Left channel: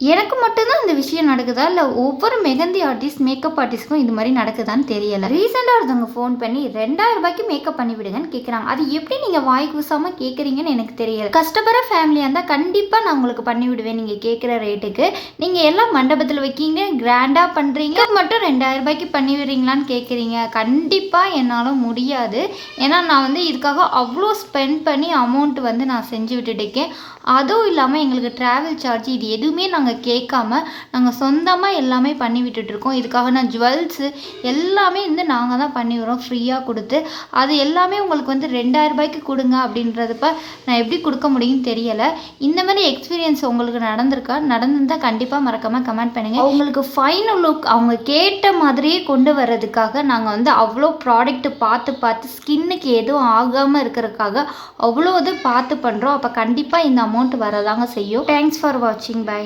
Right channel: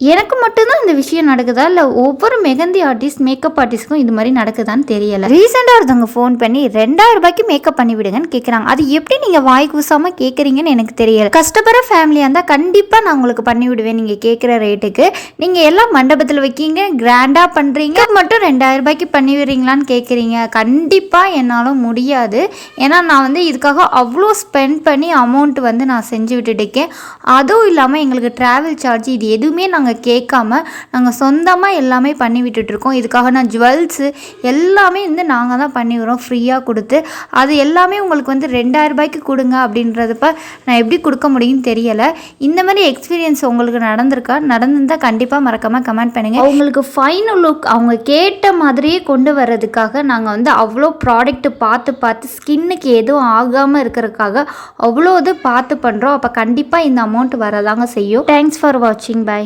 எனக்கு மட்டும்தான் இந்த விஷயம் நடக்குதா இல்லை ஒவ்வொரு மெஹந்தி ஆர்டிஸ்ட் மேக்கப் ஆர்டிஸ்ட்க்கும் இது மாதிரி நடக்குதான்னு தெரியலை. ரீசெண்டாக ஒருத்தவங்க ஃபோன் பண்ணி 2000 ரூபாய்க்கு மேக்கப் பண்ணி விடுங்கன்னு கேட்குறாங்க. அது எப்படி நீங்கள் வாய் கூசாமல் கேட்குறீங்கன்னு எனக்கு தெரியலை. கஷ்டப்படுற ஃபேமிலியாக இருந்தால் கண்டிப்பாக நான் உங்களுக்கு பண்ணி விடுவேன் நீங்கள் கேட்குற ரேட்டுக்கு. நீங்கள் எல்லாம் மண்டபத்தில் வைக்கிங்க, கிராண்டாக பண்ணுறீங்க, மட்டும் 2000 ரூபாய்க்கு பண்ணி விடுறீங்களான்னு கேட்குறீங்க. கண்டிப்பாக என்னால் முடியாது. ஏன்னா நான் இதுக்காக அவ்வளோ ஸ்பெண்ட் பண்ணி அமௌண்ட் நான் செஞ்சு விட்டுட்டுருக்கேன். அதுவும் இல்லாமல் எங்களுக்கு ட்ராவல் சார்ஜ் இது எதுவுமே நாங்கள் கேட்காம நாங்கள் சொந்தமாக எல்லாமே பண்ணி விட்டுட்ருக்கோம். இதுக்காக நான் ஜுவல்ஸு எல்லாமே நாங்கள் தான் பண்ணி வரோம் ஃப்ரீயாக கொடுத்து. அது எல்லாமே உங்களுக்கு 2000 ரூபாய்க்கு கொடுங்க அப்படின்றதுப்ப நான் எப்படி கொடுக்க முடியும்னு தெரியலை. இந்த மாதிரி எக்ஸ்பீரியன்ஸ் உங்களுக்கு நடந்திருந்தால் கண்டிப்பாக மறக்காமல் கமெண்ட் பண்ணுங்கள். அவங்களுக்கு ஃபைனல் லுக் அவங்க கேட்ட மாதிரியே கொண்டு வர்றதுக்காக நாங்கள் அவ்வளோ ப்ராடக்ட்டு பார்த்து ஸ்கின்னுக்கு எதுவும் ஆகாமல் இருக்கிறதுக்காக அவ்வளோ இது பார்த்து பண்ணுறோம். அப்போ கண்டிப்பாக இந்த அமௌண்ட் வரதாங்க செய்யும். தேங்க்ஸ் ஃபார் வாட்சிங். பை.